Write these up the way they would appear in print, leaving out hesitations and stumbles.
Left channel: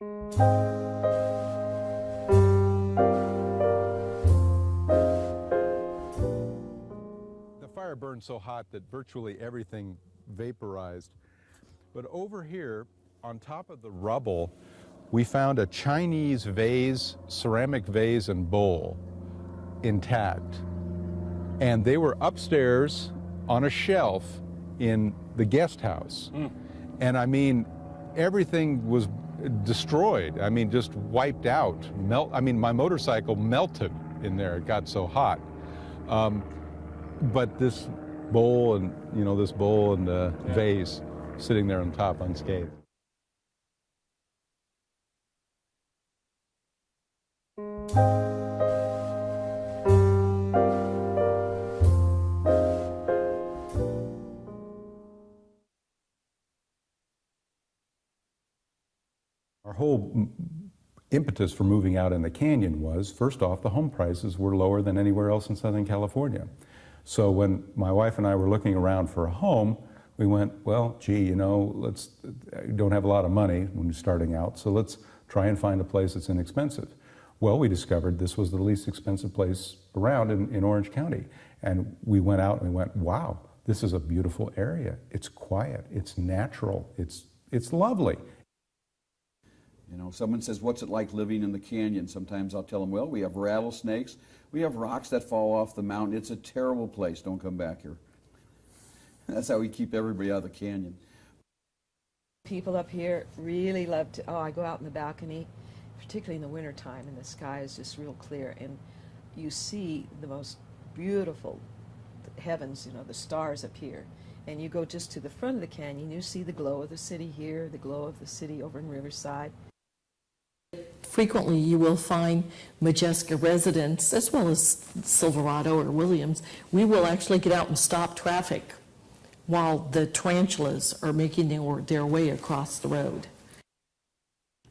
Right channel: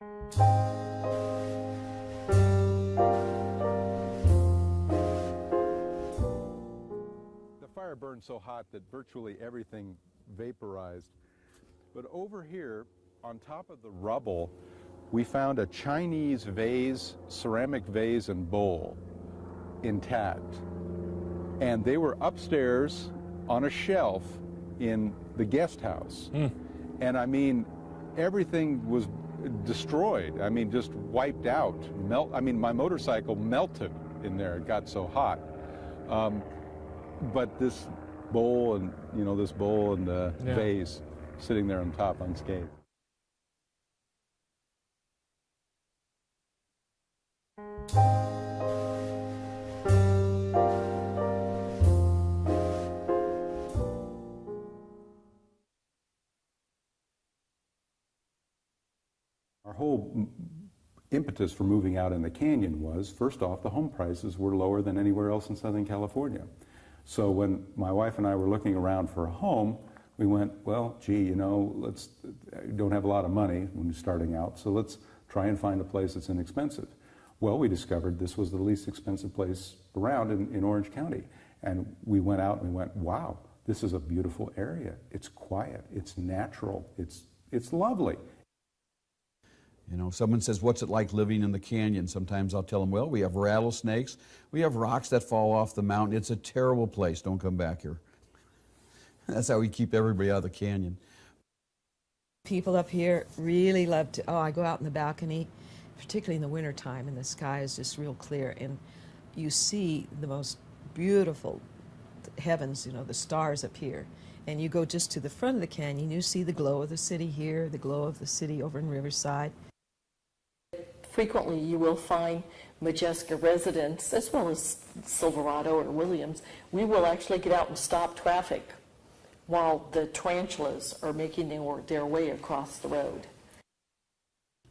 The fire burned so hot that virtually everything vaporized. But over here, on top of the rubble, we found a Chinese vase, ceramic vase and bowl, intact. And they were upstairs on a shelf in the guest house. And I mean, everything was destroyed. I mean, just wiped out. I mean, my motorcycle melted in there. It got so hot. But this bowl and, this bowl and the vase sitting there on top unscathed. Our whole impetus for moving out in the canyon was, first off, the home prices were lower than anywhere else in Southern California. So when my wife and I were looking around for a home, we went, well, gee, don't have a lot of money when you're starting out, so let's try and find a place that's inexpensive. Well, we discovered this was the least expensive place around in Orange County. And we went out and we went, wow, this is a beautiful area. It's quiet, it's natural, it's lovely. Someone says, what's it like living in the canyon? Sometimes I'll tell them, well, we have rattlesnakes, we have rocks that fall off the mountain. It's a terrible place. Don't come back here. That's how we keep everybody out of the canyon. People up here really love to, I go out in the balcony, particularly in the wintertime, and the sky is just real clear, and you see the most beautiful heavens, the stars up here. And you go just to the front of the canyon, you see the glow of the city here, the glow of the city over in Riverside. Frequently you will find Modjeska residents, as well as Silverado or Williams. We will actually get out and stop traffic while the tarantulas are making their way across the road.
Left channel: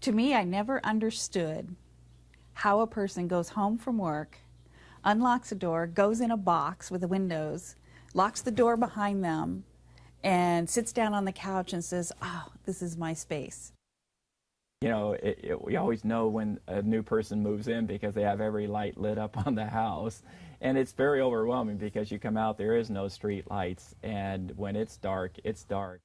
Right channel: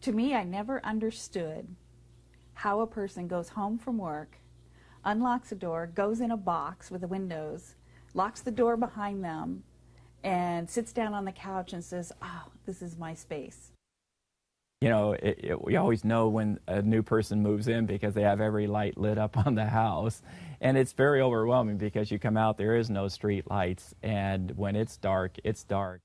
To me, I never understood how a person goes home from work, unlocks a door, goes in a box with the windows, locks the door behind them, and sits down on the couch and says, oh, this is my space. We always know when a new person moves in because they have every light lit up on the house. And it's very overwhelming because you come out, there is no street lights, and when it's dark, it's dark.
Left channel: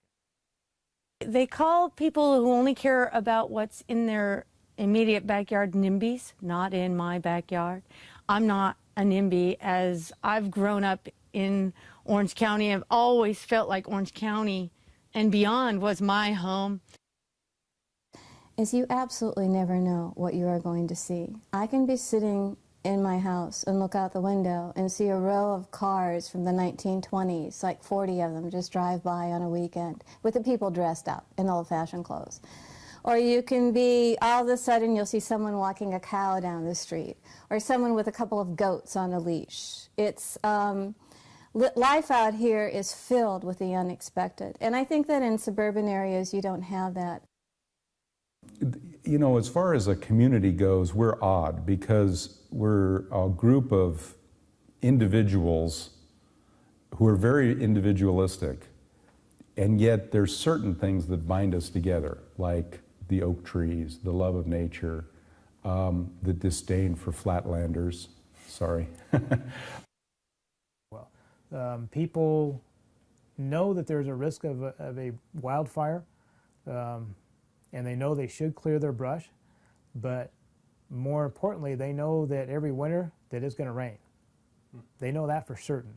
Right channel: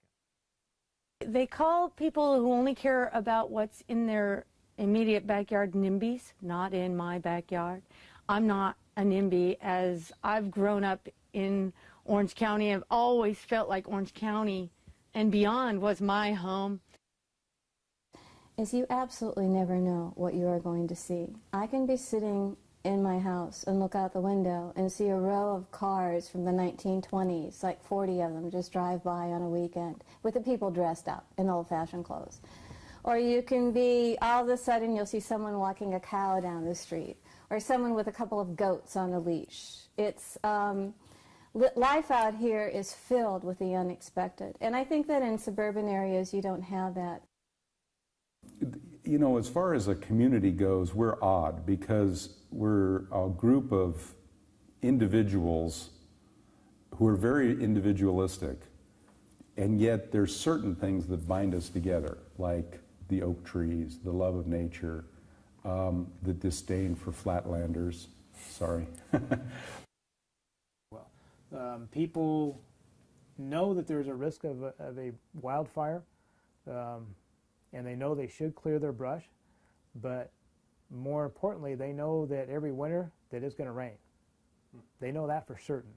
They call people who only care about what's in their immediate backyard NIMBYs, not in my backyard. I'm not a NIMBY, as I've grown up in Orange County. I've always felt like Orange County and beyond was my home. Is you absolutely never know what you are going to see. I can be sitting in my house and look out the window and see a row of cars from the 1920s, like 40 of them, just drive by on a weekend with the people dressed up in old-fashioned clothes. Or you can be, all of a sudden you'll see someone walking a cow down the street, or someone with a couple of goats on a leash. It's, life out here is filled with the unexpected. And I think that in suburban areas you don't have that. As far as a community goes, we're odd because we're a group of individuals who are very individualistic, and yet there's certain things that bind us together, like the oak trees, the love of nature, the disdain for flatlanders. Sorry. People know that there's a risk of a wildfire, and they know they should clear their brush, but more importantly, they know that every winter that it's going to rain. They know that for certain.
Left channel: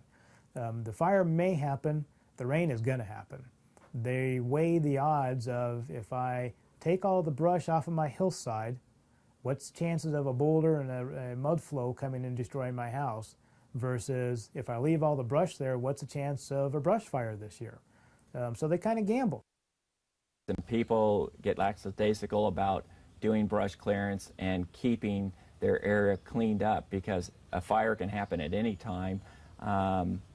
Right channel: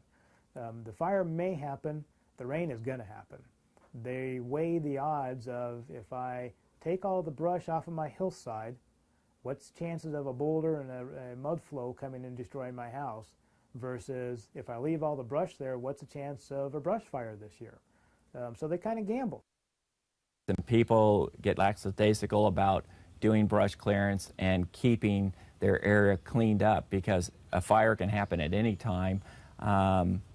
The fire may happen, the rain is going to happen. They weigh the odds of, if I take all the brush off of my hillside, what's the chances of a boulder and a mud flow coming and destroying my house, versus if I leave all the brush there, what's the chance of a brush fire this year? So they kind of gamble. And people get lackadaisical about doing brush clearance and keeping their area cleaned up, because a fire can happen at any time,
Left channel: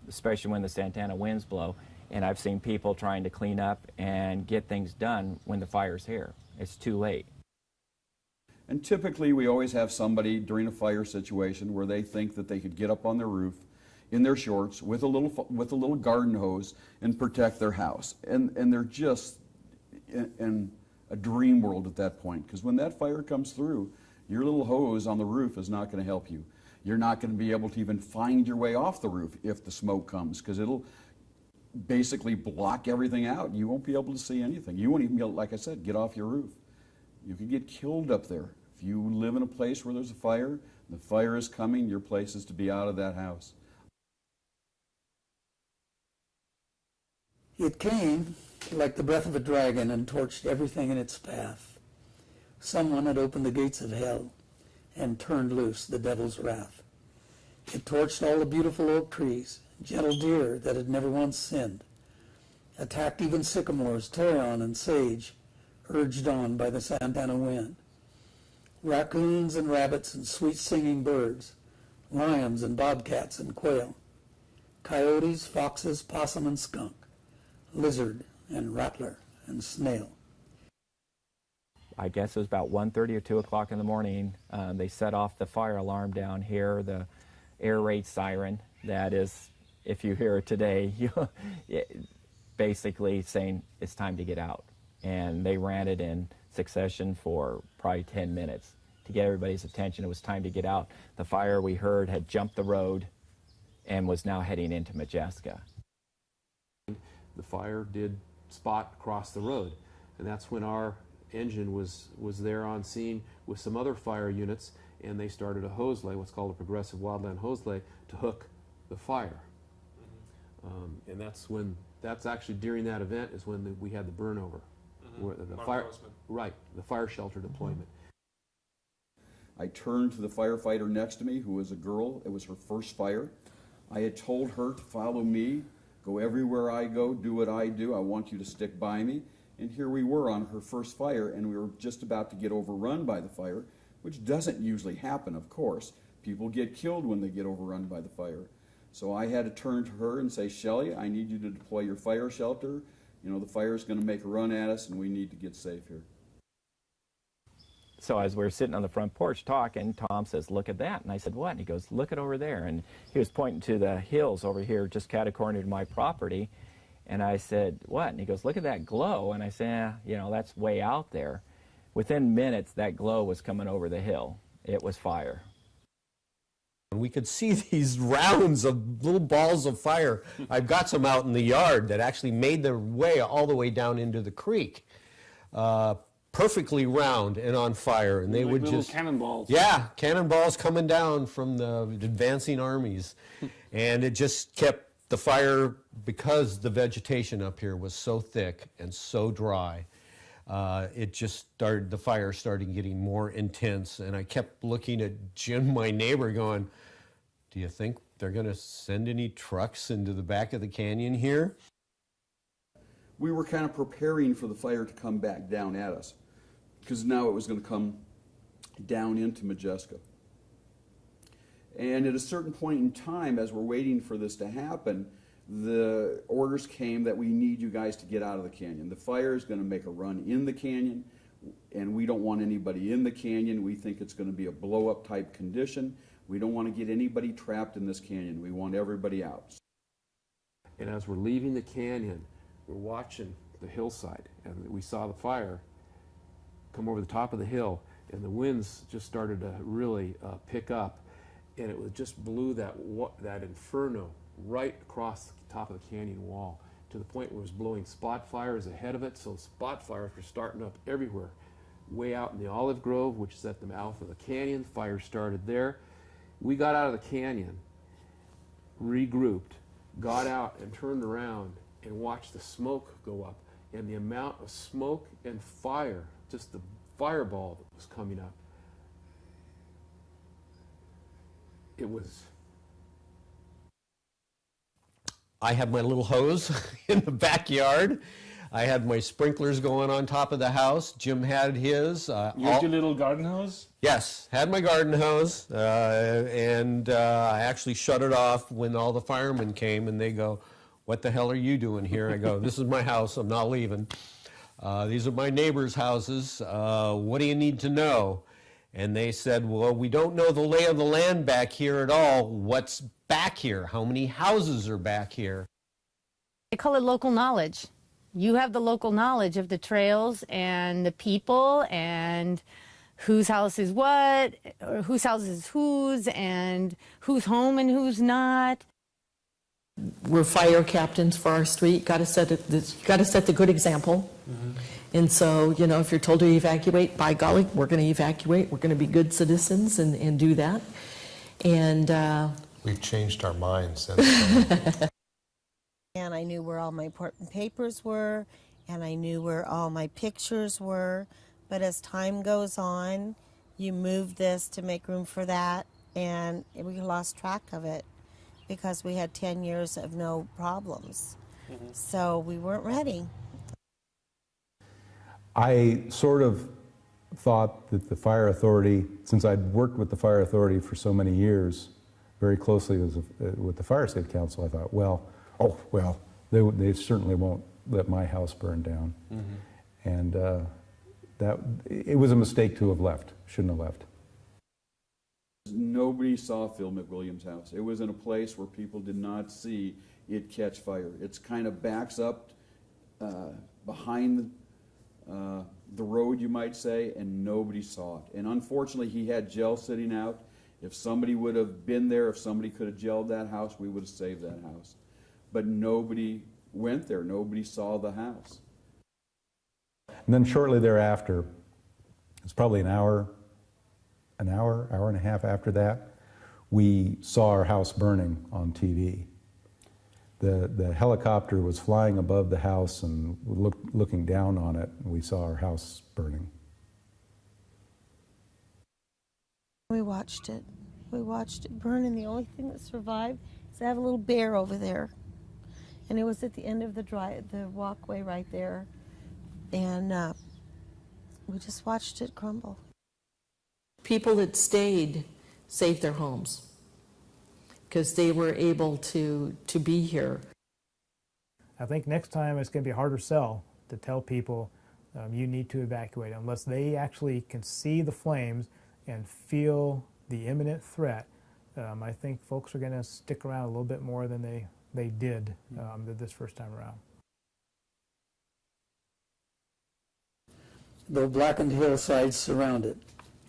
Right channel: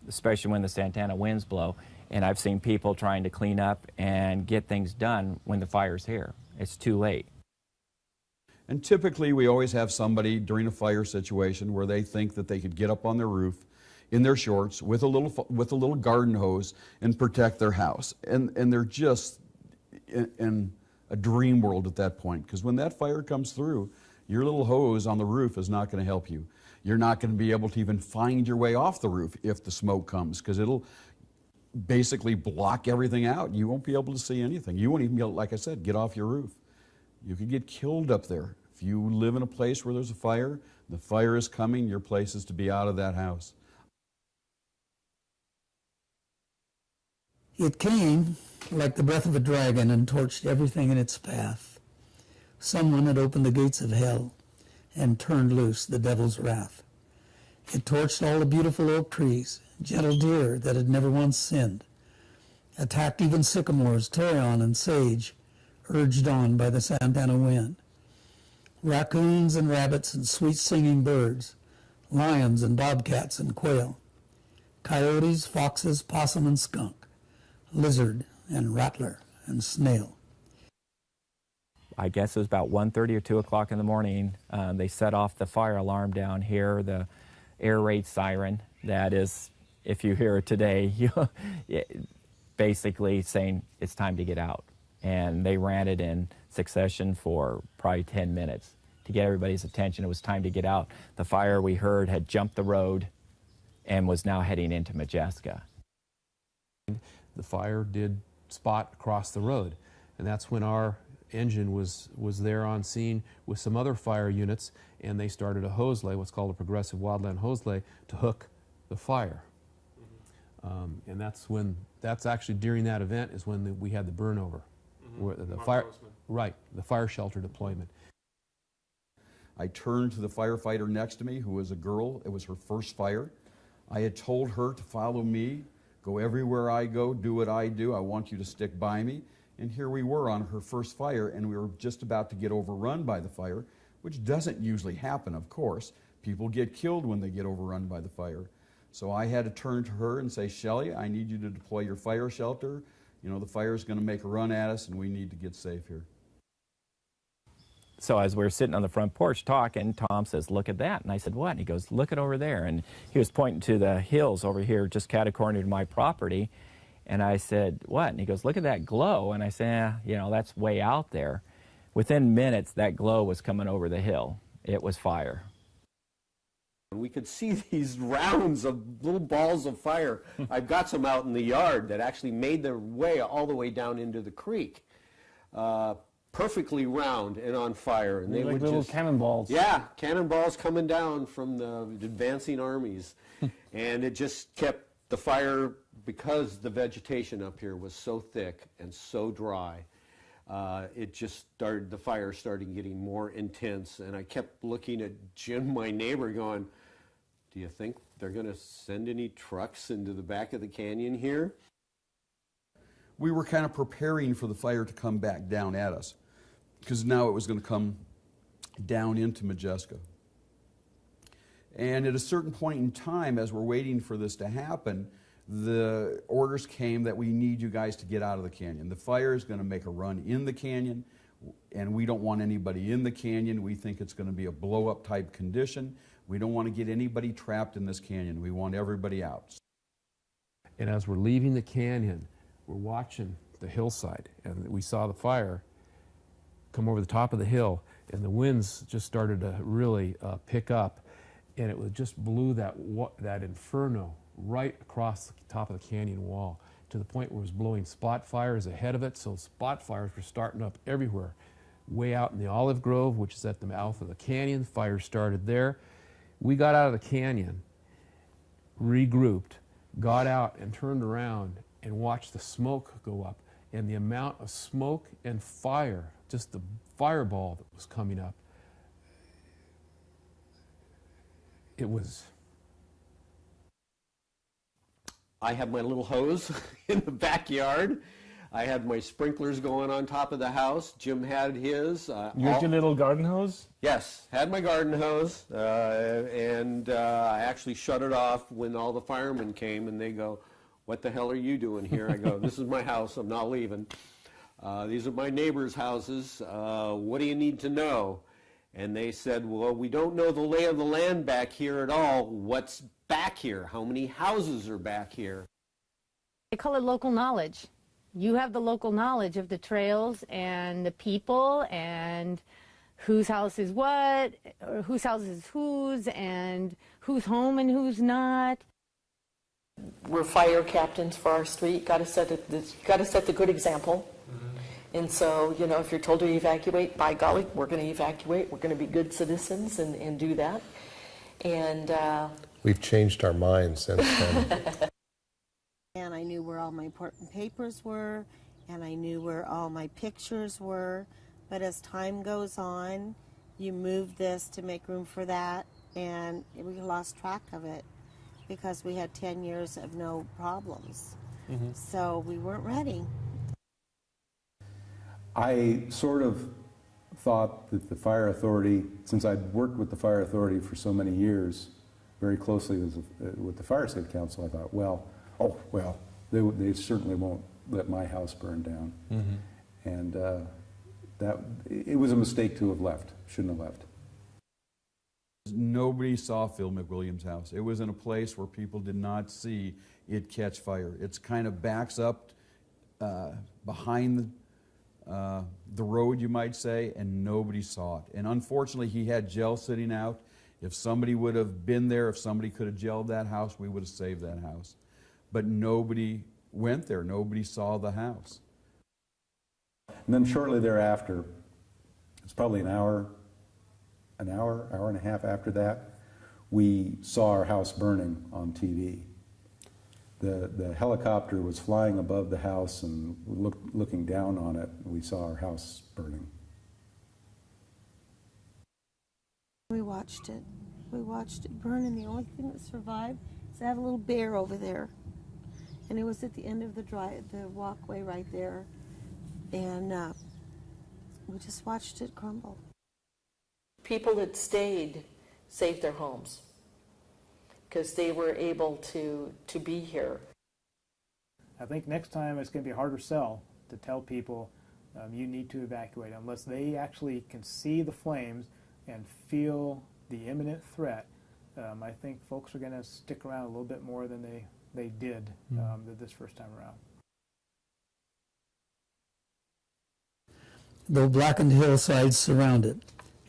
especially when the Santana winds blow. And I've seen people trying to clean up and get things done when the fire's here. It's too late. And typically we always have somebody during a fire situation where they think that they could get up on their roof in their shorts with a little garden hose and protect their house. And they're just in a dream world at that point, because when that fire comes through, your little hose on the roof is not going to help you. You're not going to be able to even find your way off the roof if the smoke comes, because it'll basically block everything out. You won't be able to see anything. You won't even be able, like I said, get off your roof. You could get killed up there. If you live in a place where there's a fire, the fire is coming, your place is to be out of that house. It came like the breath of a dragon and torched everything in its path. Someone had opened the gates of hell and turned loose the devil's wrath. It torched all the beautiful oak trees, gentle deer that had never once sinned, attacked even sycamores, toyon, and sage, urged on by the Santana wind. Raccoons and rabbits and sweet-singing birds, lions and bobcats and quail, coyotes, foxes, possum and skunk, lizard and rattler and snail. I guess it was about 1:30 or 2 o'clock in the morning. They set off the fire alarm down here, the air raid siren. That is, if you hear it today, basically saying it's time to get out. And they ran it in succession for probably 10 minutes to get everybody's attention. It was time to get out. The fire, we heard, had jumped the road and was now heading into Modjeska. The fire did spot across the road, and that's when our engine was there on scene with some other fire units, and they started a hose lay, what's called a progressive wildland hose lay, to hook the fire. And that's actually during that event is when we had the burnover, where the fire, right, the fire shelter deployment. I turned to the firefighter next to me, who was a girl. It was her first fire. I had told her to follow me, go everywhere I go, do what I do. I want you to stick by me. And here we were on her first fire, and we were just about to get overrun by the fire, which doesn't usually happen, of course. People get killed when they get overrun by the fire. So I had to turn to her and say, Shelley, I need you to deploy your fire shelter. You know, the fire's going to make a run at us, and we need to get safe here. So as we were sitting on the front porch talking, Tom says, look at that. And I said, what? And he goes, look it over there. And he was pointing to the hills over here just catty-corner to my property. And I said, what? And he goes, look at that glow. And I said, you know, that's way out there. Within minutes, that glow was coming over the hill. It was fire. We could see these rounds of little balls of fire. I've got some out in the yard that actually made their way all the way down into the creek. Perfectly round and on fire, and they like would little just cannonballs. Yeah, cannonballs coming down from the advancing armies, and it just kept the fire, because the vegetation up here was so thick and so dry. It just started. The fire started getting more intense, and I kept looking at Jim, my neighbor, going, "Do you think they're going to send any trucks into the back of the canyon here?" We were kind of preparing for the fire to come back down at us, because now it was going to come down into Modjeska. And at a certain point in time, as we're waiting for this to happen, the orders came that we need you guys to get out of the canyon. The fire is going to make a run in the canyon, and we don't want anybody in the canyon. We think it's going to be a blow-up type condition. We don't want to get anybody trapped in this canyon. We want everybody out. And as we're leaving the canyon, we're watching the hillside, and we saw the fire come over the top of the hill, and the winds just started to really pick up, and it just blew that inferno right across the top of the canyon wall, to the point where it was blowing spot fires ahead of it. So spot fires were starting up everywhere. Way out in the olive grove, which is at the mouth of the canyon, fire started there. We got out of the canyon, regrouped, got out and turned around and watched the smoke go up. And the amount of smoke and fire, just the fireball that was coming up, it was... I had my little hose in the backyard. I had my sprinklers going on top of the house. Jim had his. You had your little garden hose? Yes, had my garden hose, and I actually shut it off when all the firemen came, and they go, "What the hell are you doing here?" I go, "This is my house. I'm not leaving. These are my neighbors' houses. What do you need to know?" And they said, "Well, we don't know the lay of the land back here at all. What's back here? How many houses are back here?" They call it local knowledge. You have the local knowledge of the trails and the people and whose house is what, or whose house is whose, and who's home and who's not. We're fire captains for our street. Got to set the good example. And so, you know, if you're told to evacuate, by golly, we're going to evacuate. We're going to be good citizens and do that. And We've changed our minds since then. And I knew where all my important papers were, and I knew where all my pictures were. But as time goes on, you move this to make room for that, and we lost track of it because we had 10 years of no problems. So we weren't ready. I sort of thought that the fire authority, since I'd worked with the fire authority for so many years, very closely with the fire safety council, I thought, well, they certainly won't let my house burn down. And that it was a mistake to have left. Shouldn't have left. Nobody saw Phil McWilliams' house. It was in a place where people did not see it catch fire. It's kind of backs up behind the road, you might say, and nobody saw it. And unfortunately, he had gel sitting out. If somebody would have been there, if somebody could have gelled that house, we would have saved that house. But nobody went there. Nobody saw the house. And then shortly thereafter, it's probably an hour and a half after that, we saw our house burning on TV. The helicopter was flying above the house and looking down on it, and we saw our house burning. We watched it. We watched it burn, and the only thing that survived is I have a little bear over there. And it was at the end of the walkway right there. And we just watched it crumble. people that stayed saved their homes because they were able to be here. I think next time it's going to be a harder sell to tell people you need to evacuate unless they actually can see the flames and feel the imminent threat. I think folks are going to stick around a little bit more than they did this first time around. The blackened hillsides surround it,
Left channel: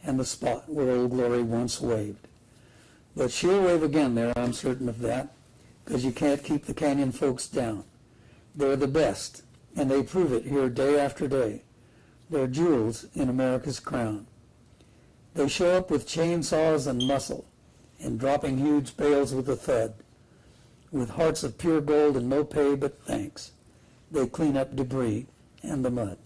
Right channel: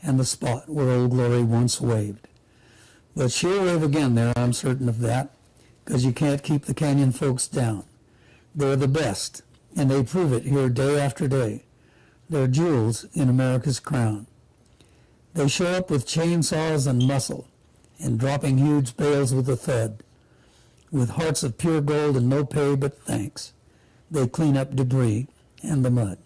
and the spot where Old Glory once waved. But she'll wave again there, I'm certain of that, because you can't keep the canyon folks down. They're the best, and they prove it here day after day. They're jewels in America's crown. They show up with chainsaws and muscle, and dropping huge bales with a thud. With hearts of pure gold and no pay but thanks, they clean up debris and the mud.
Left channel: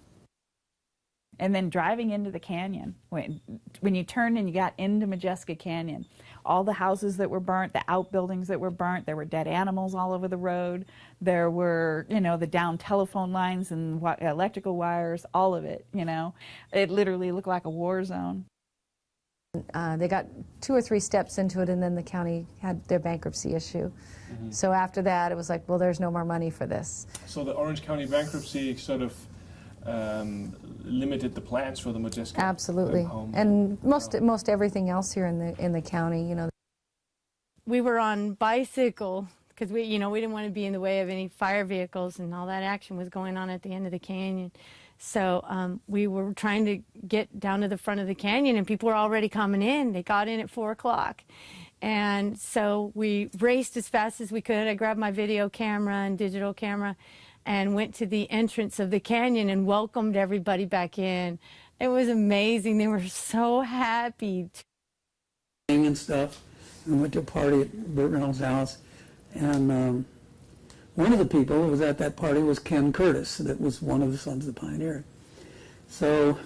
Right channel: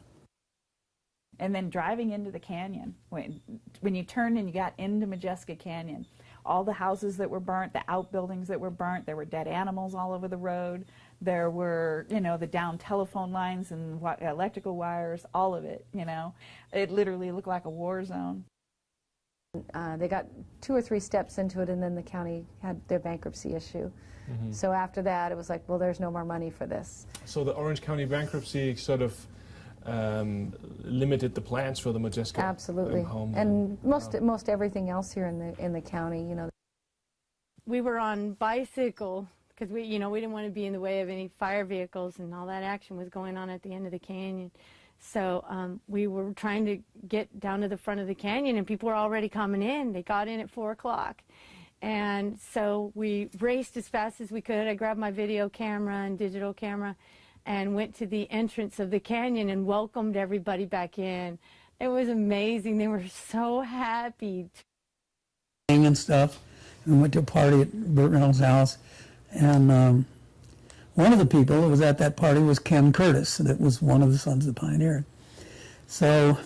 And then driving into the canyon, when you turned and you got into Modjeska Canyon, all the houses that were burnt, the outbuildings that were burnt, there were dead animals all over the road, there were, the down telephone lines and electrical wires, all of it, It literally looked like a war zone. They got 2 or 3 steps into it, and then the county had their bankruptcy issue. So after that, it was like, well, there's no more money for this. So the Orange County bankruptcy sort of limited the plans for the Modjeska. Absolutely, and most everything else here in the county, We were on bicycle because we didn't want to be in the way of any fire vehicles, and all that action was going on at the end of the canyon. So we were trying to get down to the front of the canyon, and people were already coming in. They got in at 4 o'clock. And so we raced as fast as we could. I grabbed my video camera and digital camera and went to the entrance of the canyon and welcomed everybody back in. It was amazing. They were so happy. And stuff. We went to a party at Burt Reynolds' house, and one of the people that was at that party was Ken Curtis, that was one of the Sons of the Pioneer. So,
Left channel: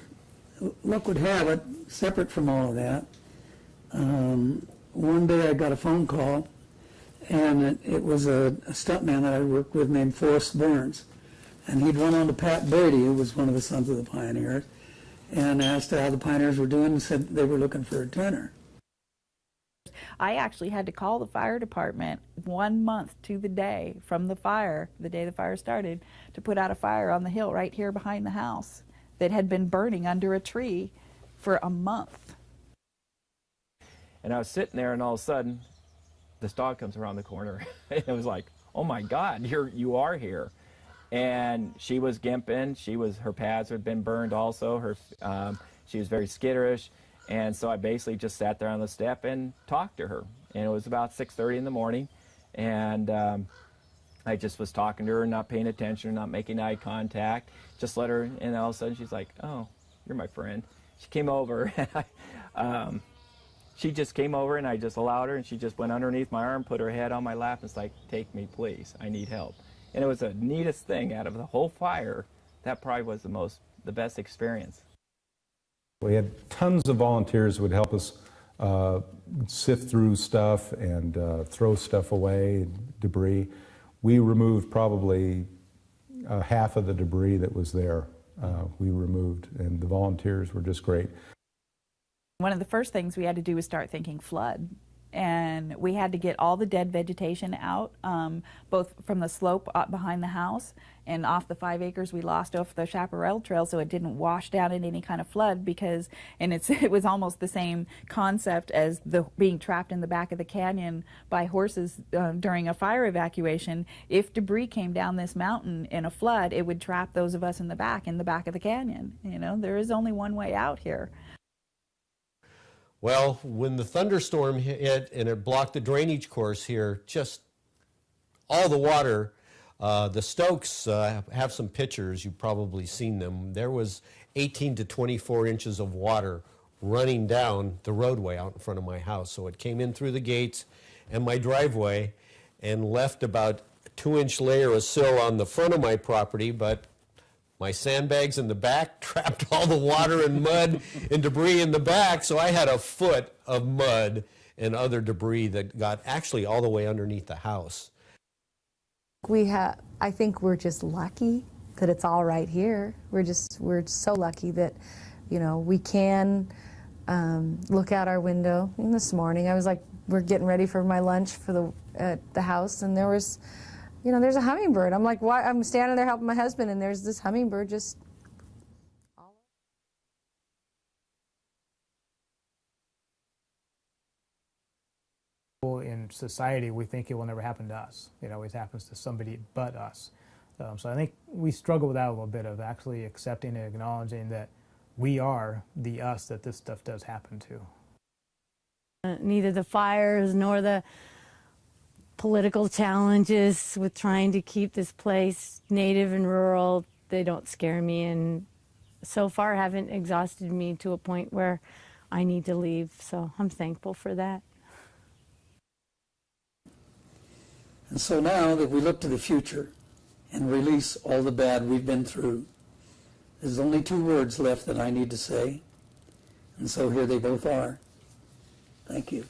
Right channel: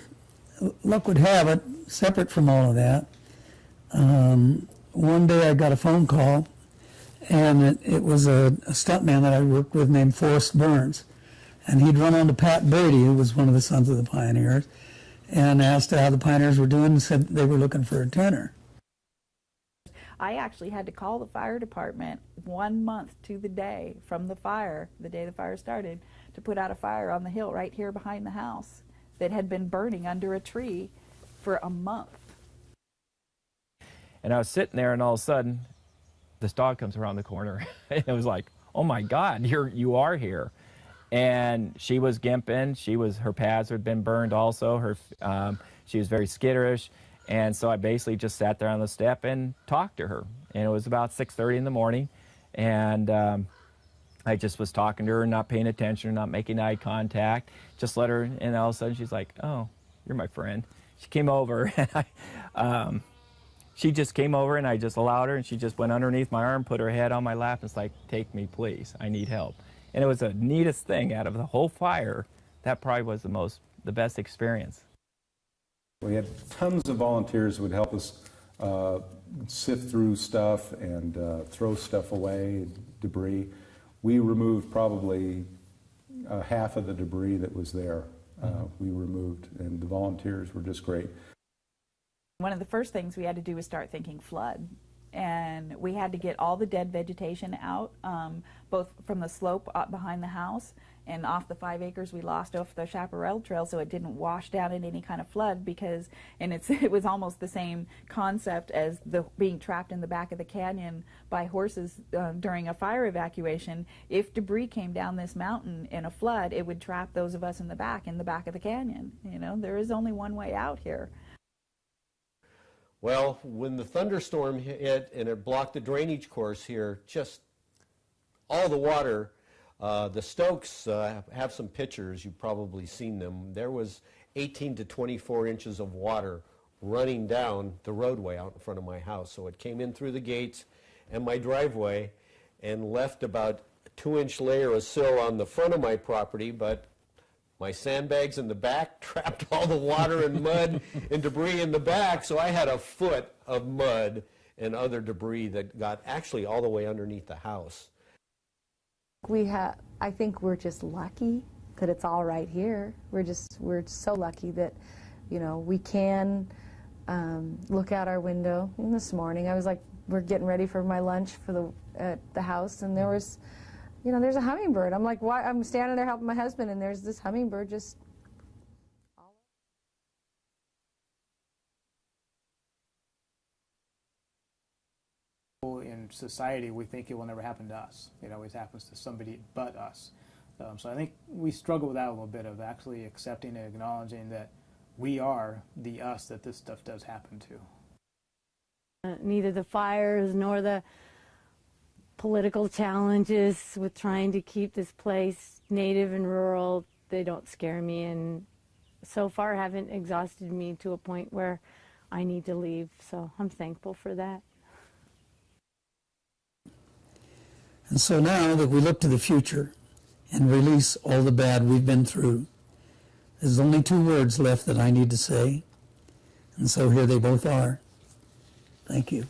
luck would have it, separate from all of that, one day I got a phone call, and it was a stuntman that I worked with named Forrest Burns. And he'd run on to Pat Brady, who was one of the Sons of the Pioneers, and asked how the Pioneers were doing and said they were looking for a tenor. I actually had to call the fire department 1 month to the day from the fire, the day the fire started, to put out a fire on the hill right here behind the house that had been burning under a tree for a month. And I was sitting there, and all of a sudden, this dog comes around the corner. And it was like, oh my God, you are here. and she was gimping. Her pads had been burned also. She was very skitterish, and so I basically just sat there on the step and talked to her. And it was about 6:30 in the morning, and I just was talking to her, not paying attention, not making eye contact. Just let her, and all of a sudden she's like, "Oh, you're my friend." She came over, and she just came over, and I just allowed her, and she just went underneath my arm, put her head on my lap, and it's like, "Take me, please. I need help." And it was the neatest thing out of the whole fire. That probably was the best experience. We had tons of volunteers who would help us sift through stuff and throw stuff away, debris. We removed probably half of the debris that was there. We removed, and the volunteers were just great. One of the first things we had to do was start thinking flood. And we had to get all the dead vegetation out, both from the slope behind the house and off the 5 acres we lost off the Chaparral Trail, so it didn't wash down in any kind of flood, because, and it was almost the same concept as being trapped in the back of the canyon by horses during a fire evacuation. If debris came down this mountain in a flood, it would trap those of us in the back of the canyon. You know, there is only one way out here. Well, when the thunderstorm hit and it blocked the drainage course here, just all the water, the Stokes have some pictures, you've probably seen them. There was 18 to 24 inches of water running down the roadway out in front of my house. So it came in through the gates and my driveway and left about a 2-inch layer of sill on the front of my property, but my sandbags in the back trapped all the water and mud and debris in the back, so I had a foot of mud and other debris that got actually all the way underneath the house. I think we're just lucky that it's all right here. We're so lucky that, you know, we can look out our window. And this morning, I was like, we're getting ready for my lunch for the house, and there was, you know, there's a hummingbird. I'm like, why? I'm standing there helping my husband, and there's this hummingbird just. In society, we think it will never happen to us. You know, it happens to somebody but us. So I think we struggle with that a little bit, of actually accepting and acknowledging that we are the us that this stuff does happen to. Neither the fires nor the political challenges with trying to keep this place native and rural, they don't scare me, and so far haven't exhausted me to a point where I need to leave, so I'm thankful for that. And so now that we look to the future and release all the bad we've been through, there's only 2 words left that I need to say, and so here they both are. Thank you.